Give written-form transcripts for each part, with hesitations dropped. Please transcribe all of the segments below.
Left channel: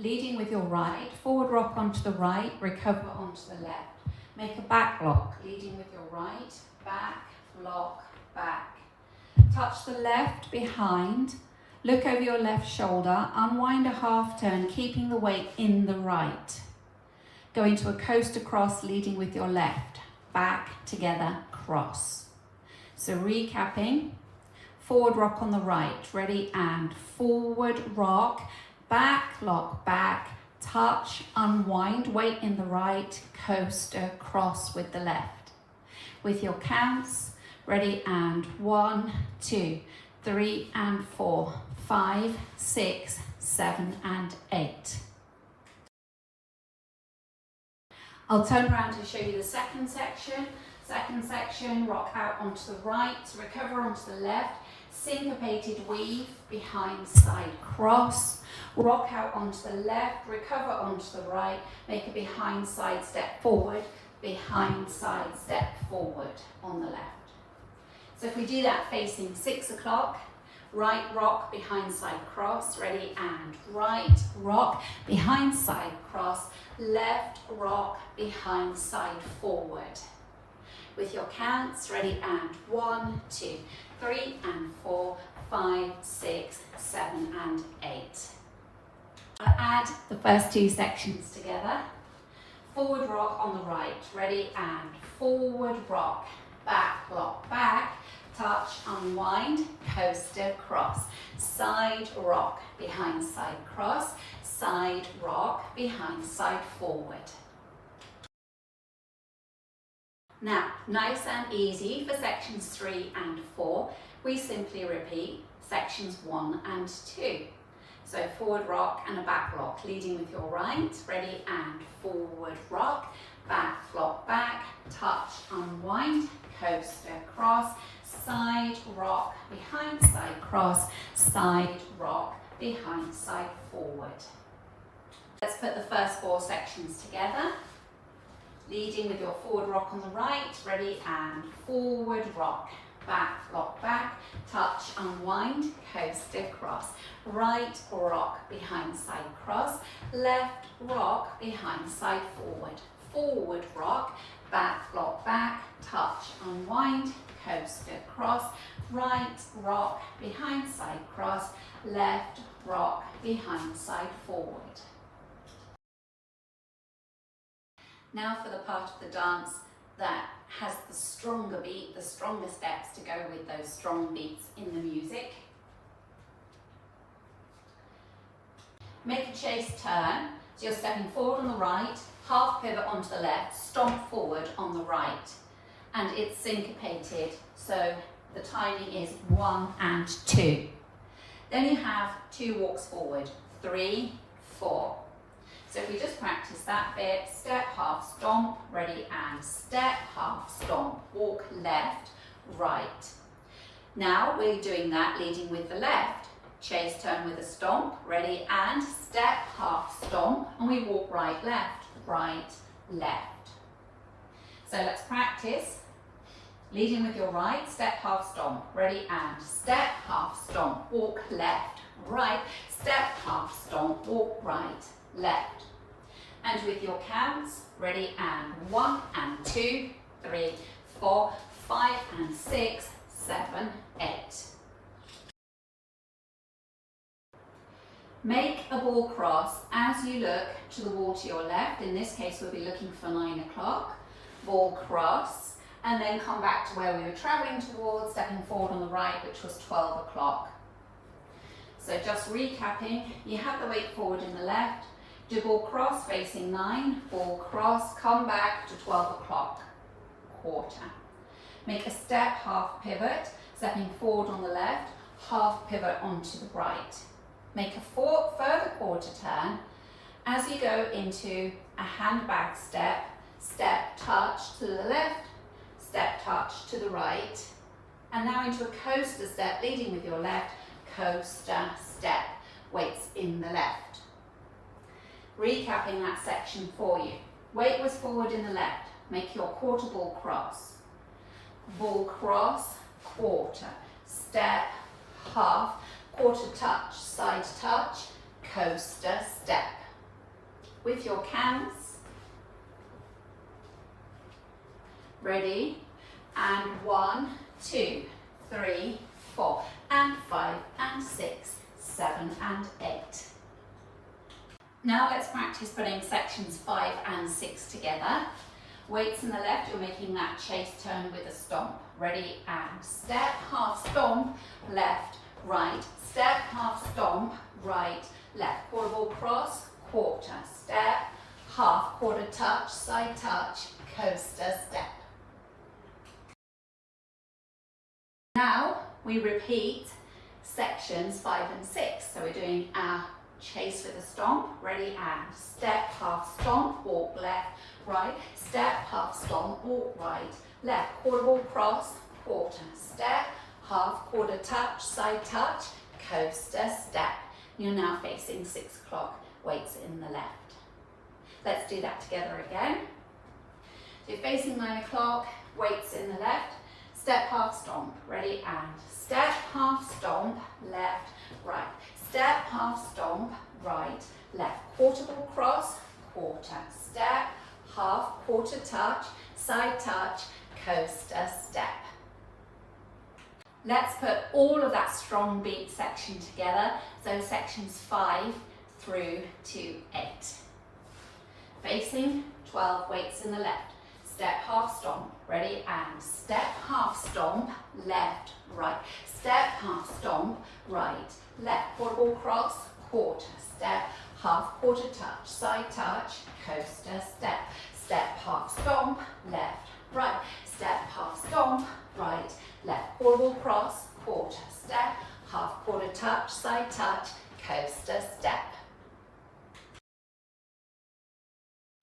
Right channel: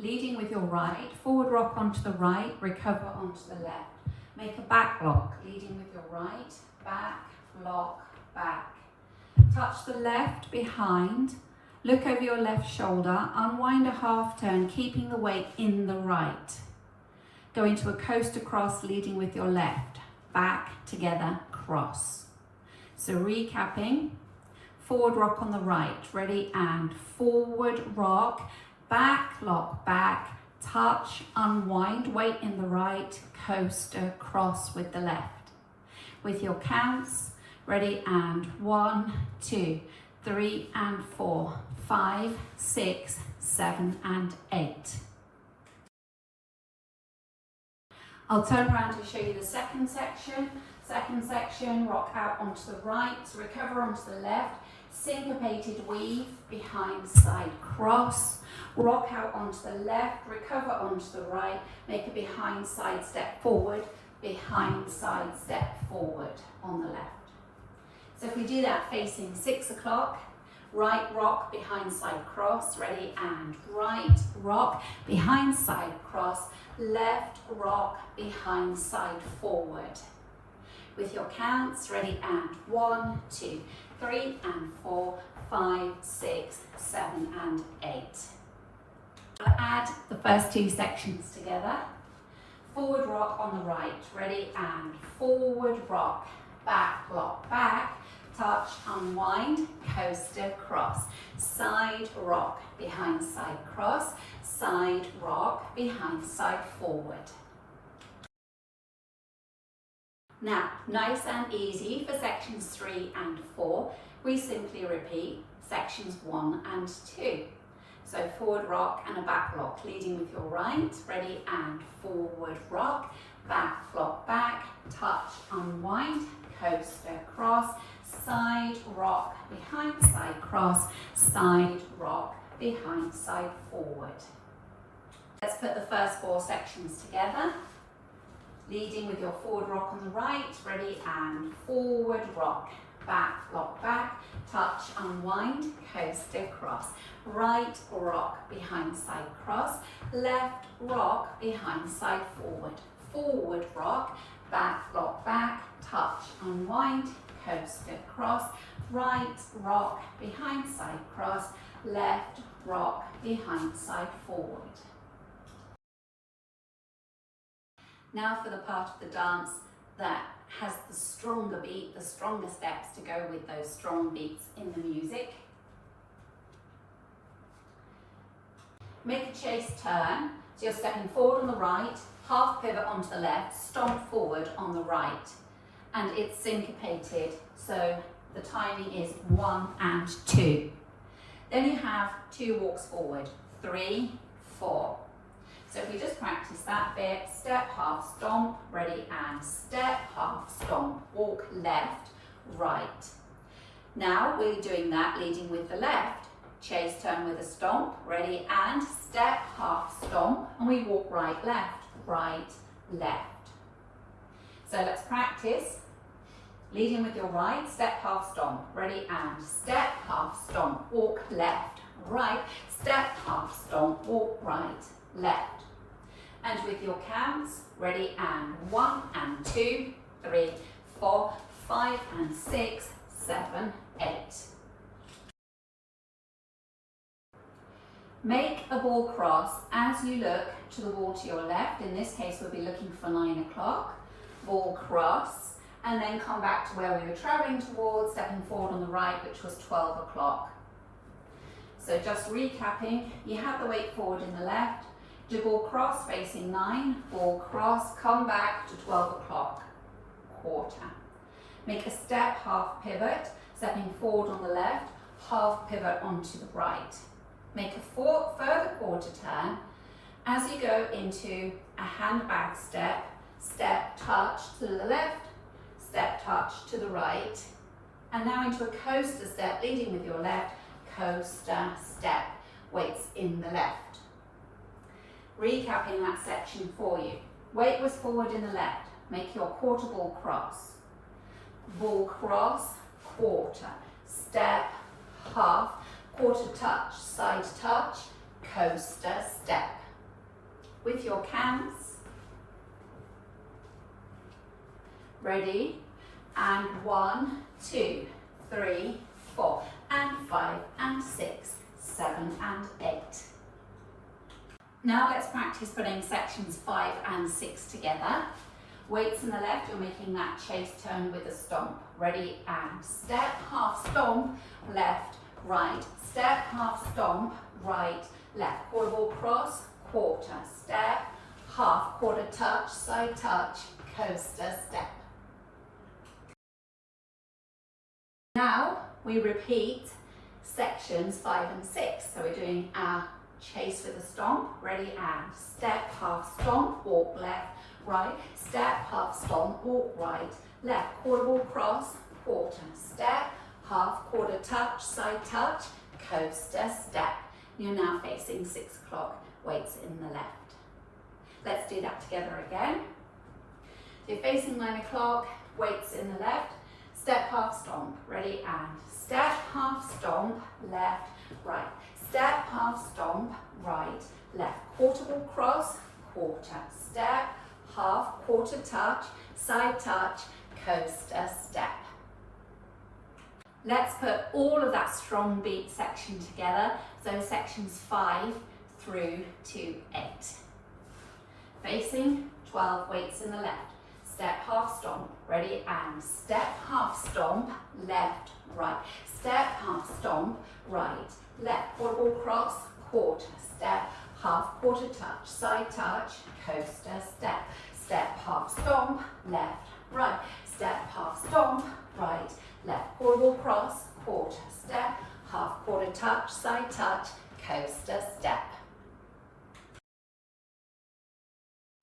leading with your right, forward rock onto the right, recover onto the left. Make a back lock, leading with your right, back, lock, back. Touch the left behind, look over your left shoulder, unwind a half turn, keeping the weight in the right. Go into a coaster cross, leading with your left, back, together, cross. So recapping, forward rock on the right, ready, and forward rock, back, lock, back, touch, unwind, weight in the right, coaster, cross with the left. With your counts, ready, and 1, 2, 3, and 4, 5, 6, 7, and 8. I'll turn around to show you the second section. Second section, rock out onto the right, recover onto the left, syncopated weave, behind side cross, rock out onto the left, recover onto the right, make a behind side step forward, behind side step forward on the left. So if we do that facing 6 o'clock, right rock, behind side cross, ready, and right rock, behind side cross, left rock, behind side forward. With your counts, ready, and 1, 2, 3, and 4, 5, 6, 7, and 8. I'll add the first two sections together. Forward rock on the right, ready, and forward rock, back, lock, back, touch, unwind, coaster, cross, side rock, behind side cross, side rock, behind side forward. Now, nice and easy for sections 3 and 4, we simply repeat sections 1 and 2. So forward rock and a back lock, leading with your right, ready, and forward rock, back lock, back, touch, unwind, coaster, cross, side rock, behind side cross, side rock, behind side forward. Let's put the first 4 sections together. Leading with your forward rock on the right, ready, and forward rock, back, lock, back, touch, unwind, coaster, cross, right rock, behind side cross, left rock, behind side forward, forward rock, back, lock, back, touch, unwind, coaster, cross, right rock, behind side cross, left rock, behind side forward. Now for the part of the dance that has the stronger beat, the stronger steps to go with those strong beats in the music. Make a chase turn, so you're stepping forward on the right, half pivot onto the left, stomp forward on the right, and it's syncopated, so the timing is 1 and 2. Then you have 2 walks forward, 3, 4. So if we just practice that bit, step, half, stomp, ready, and step, half, stomp, walk left, right. Now we're doing that leading with the left. Chase turn with a stomp, ready, and step, half, stomp, and we walk right, left, right, left. So let's practice. Leading with your right, step, half, stomp, ready, and step, half, stomp, walk left, right, step, half, stomp, walk right, left. And with your counts, ready, and 1 and 2, 3, 4, 5 and 6, 7, 8. Make a ball cross as you look to the wall to your left. In this case, we'll be looking for 9 o'clock. Ball cross, and then come back to where we were traveling towards, stepping forward on the right, which was 12 o'clock. So just recapping, you have the weight forward in the left, do ball cross facing 9, ball cross, come back to 12 o'clock, quarter. Make a step, half pivot, stepping forward on the left, half pivot onto the right. Make a further quarter turn as you go into a handbag step, step, touch to the left, step, touch to the right, and now into a coaster step, leading with your left, coaster step, weights in the left. Recapping that section for you. Weight was forward in the left. Make your quarter ball cross. Ball cross, quarter. Step, half, quarter touch, side touch, coaster, step. with your counts. Ready? And 1, 2, 3, 4, and 5, and 6, 7, and 8. Now let's practice putting sections 5 and 6 together. Weights in the left, you're making that chase turn with a stomp. Ready? And step, half stomp, left, right, step, half stomp, right, left. Quarter ball cross, quarter, step, half, quarter touch, side touch, coaster, step. Now we repeat sections 5 and 6. So we're doing our chase with a stomp. Ready? And step, half stomp, walk left, right, step, half stomp, walk right, left. Quarter ball cross, quarter, step, half, quarter touch, side touch, coaster, step. You're now facing 6 o'clock, weights in the left. Let's do that together again. So you're facing 9 o'clock, weights in the left, step, half stomp. Ready? And step, half stomp, left, right, step, half stomp, right, left. Quarter ball cross, quarter, step, half, quarter touch, side touch, coaster, step. Let's put all of that strong beat section together, so sections 5 through to 8. Facing 12, weights in the left, step, half stomp, ready, and step, half stomp, left, right, step, half stomp, right, left. Quarter ball cross, quarter, step, half, quarter touch, side touch, coaster, step, step, half stomp, left, right, step, half stomp, right, left. Quarter ball cross, quarter, step, half, quarter touch, side touch, coaster, step.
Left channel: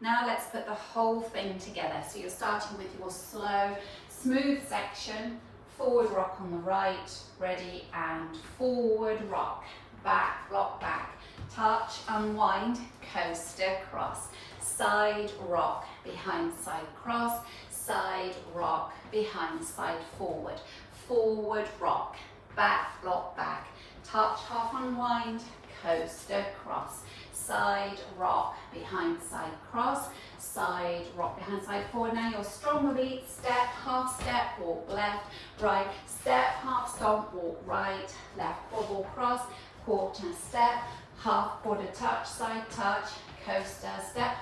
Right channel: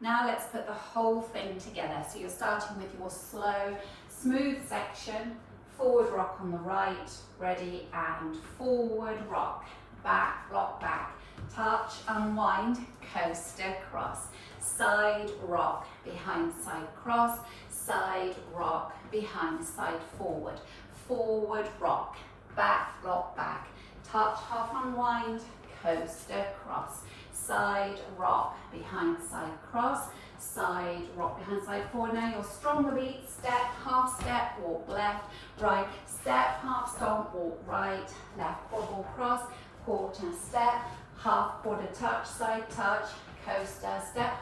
Now let's put the whole thing together. So you're starting with your slow, smooth section, forward rock on the right, ready, and forward rock, back, rock back, touch, unwind, coaster, cross, side rock, behind, side cross, side rock, behind, side forward, forward rock, back, rock back, touch, half unwind, coaster, cross, side rock, behind, side cross, side rock, behind, side forward. Now your stronger beat, step, half step, walk left, right, step, half stomp, walk right, left, quarter ball cross, quarter, step, half, quarter touch, side touch, coaster, step,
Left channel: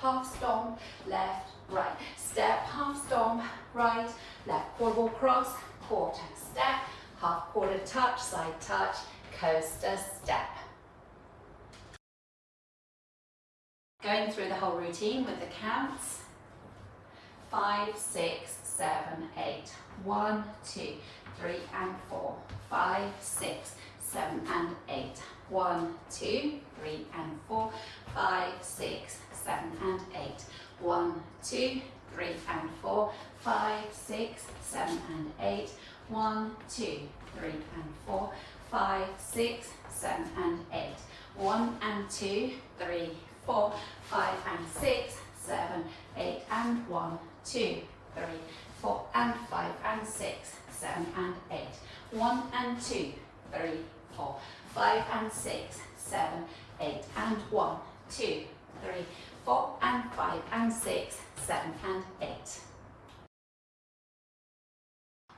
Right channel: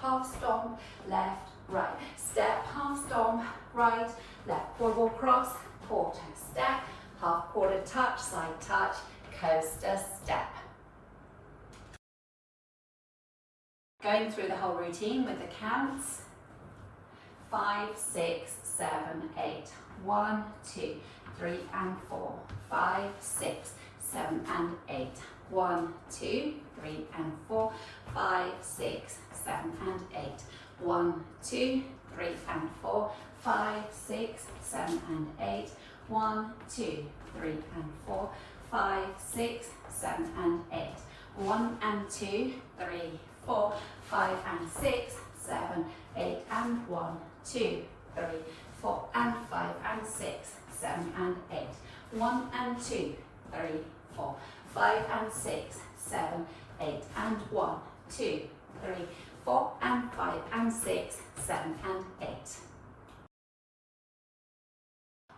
half stomp, left, right, step, half stomp, right, left, quarter ball cross, quarter, step, half, quarter touch, side touch, coaster, step. Going through the whole routine with the counts. 5, 6, 7, 8. 1, 2, 3 and 4. 5, 6, 7 and 8. 1, 2, 3 and 4. 5, 6, 7 and 8. 1, 2, 3 and 4. 5, 6, 7 and 8. 1, 2, 3 and 4. 5, 6, 7 and 8. 1 and 2, 3, 4, 5 and 6, 7, 8 and 1, 2, 3, 4 and 5 and 6, 7 and 8. 1 and 2, 3, 4, 5 and 6, 7, 8 and 1, 2, 3, 4 and 5 and 6, 7 and 8.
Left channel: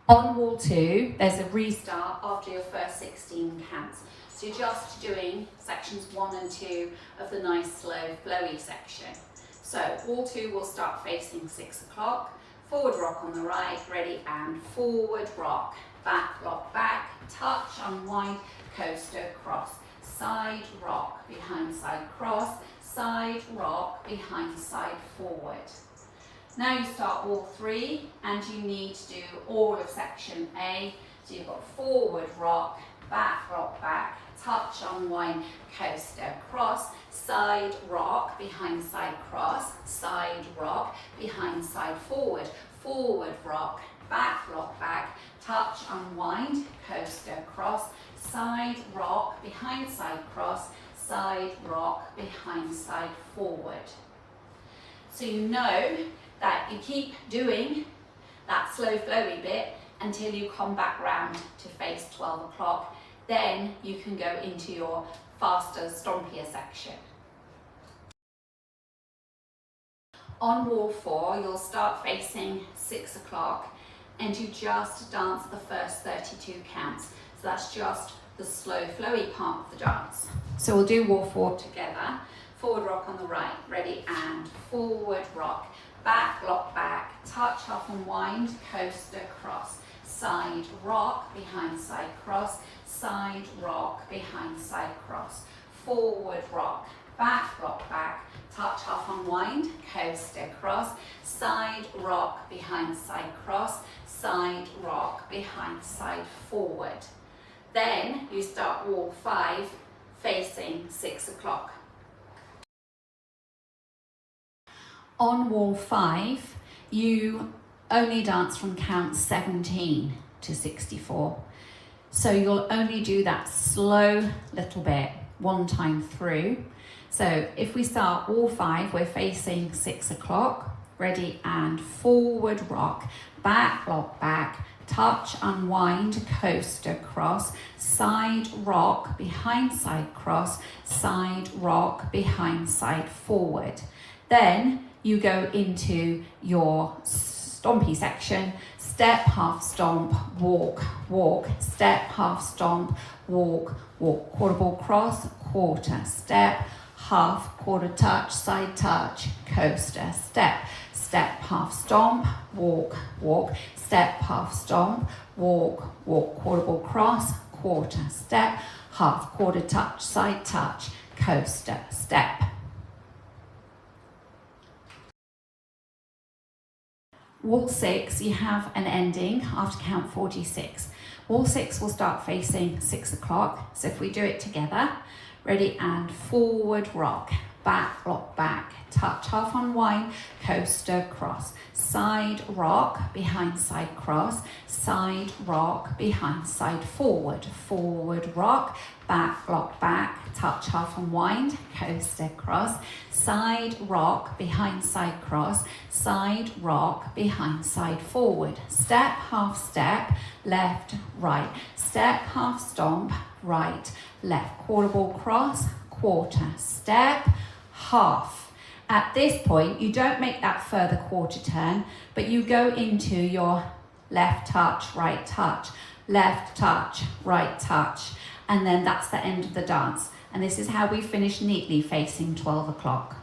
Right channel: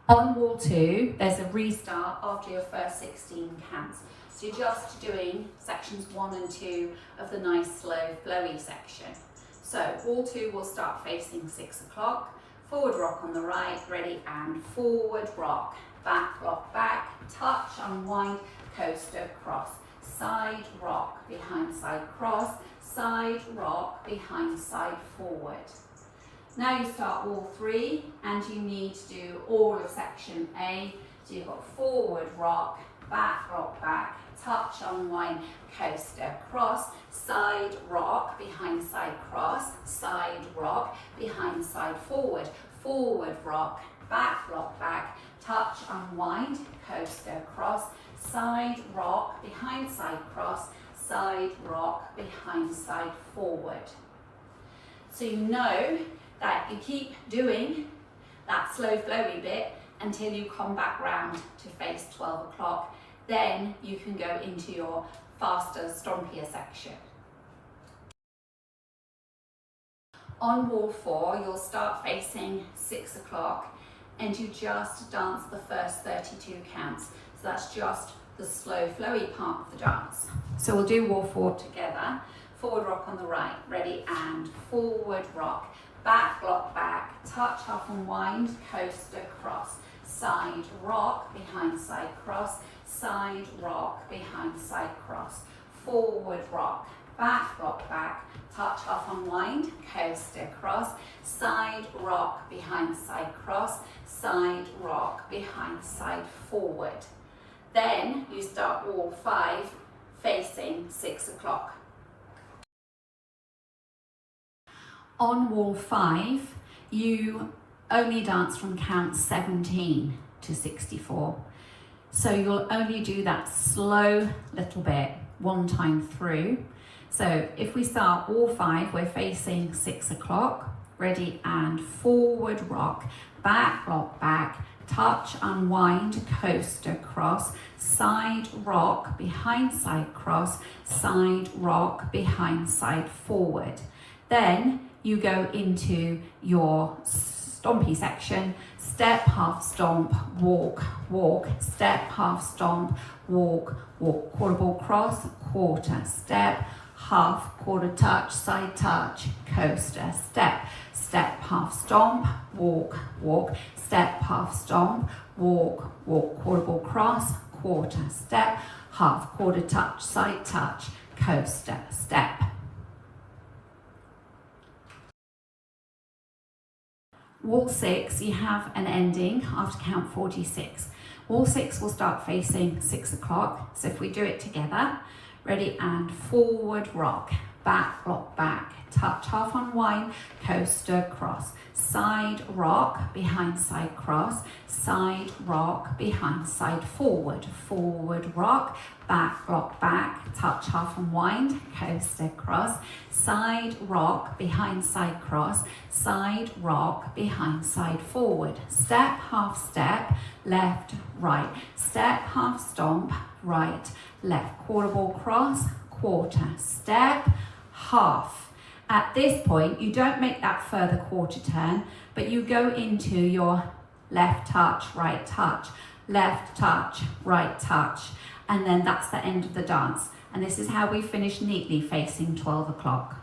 On wall 2, there's a restart after your first 16 counts. So you're just doing sections 1 and 2 of the nice slow flowy section. So wall 2 will start facing 6 o'clock, forward rock on the right, ready, and forward rock, back, touch, unwind, coaster, cross, side rock, behind, side cross, side rock, behind, side forward. Now you start wall 3 and you need to do all of section A. So you've got forward rock, back, touch, unwind, coaster, cross, side rock, behind, side cross, side rock, behind, side forward, forward rock, back, touch, unwind, coaster, cross, side rock, behind, side cross, side rock, behind, side forward. So you know that you keep doing that slow flowy bit until you come back round to face 12 o'clock. Then you can go into your faster, stompier section. On wall 4, you'll start facing 6 o'clock and you just dance the first 32 counts. So that's just the slow, flowy part of the dance. So we'll do wall 4 together. Forward rock on the right, ready, and forward rock. Back, lock back, touch, half unwind, coaster, cross. Side rock, behind side cross. Side rock, behind side cross. Forward rock, back, lock back, touch, half unwind, coaster, cross. Side rock, behind side cross. Side rock, behind side forward. Then you start wall 5 facing 6 o'clock. On wall 5, you only dance from count 17 to 64. So you'll only do that slow little bit one time through. So if we start wall 5, we're facing 6 o'clock, ready, and forward rock, back, lock back, touch, unwind, coaster, cross, side rock, behind side cross, side rock, behind side forward. Then you go into your stompy section, step, half stomp, walk, walk, step, half stomp, walk, walk, quarter ball cross, quarter, step, half, quarter touch, side touch, coaster, step, step, half stomp, walk, walk, step, half stomp, walk, walk, quarter ball cross, quarter, step, half, quarter touch, side touch, coaster, step. Wall 6, you have an ending after count 46. Wall 6 will start facing 6 o'clock. So if we do it together, ready, and forward rock, back, lock back, touch, half unwind, coaster, cross, side rock, behind side cross, side rock, behind side forward, forward rock, back, lock back, touch, half unwind, coaster, cross, side rock, behind side cross, side rock, behind side forward, step, half step, left, right, step, half stomp, right, left, quarter ball cross, quarter, step, half. At this point, you don't make that further quarter turn, but you go into your left touch, right touch, left touch, right touch, and then that's the end of the dance. And this is how we finish neatly facing 12 o'clock.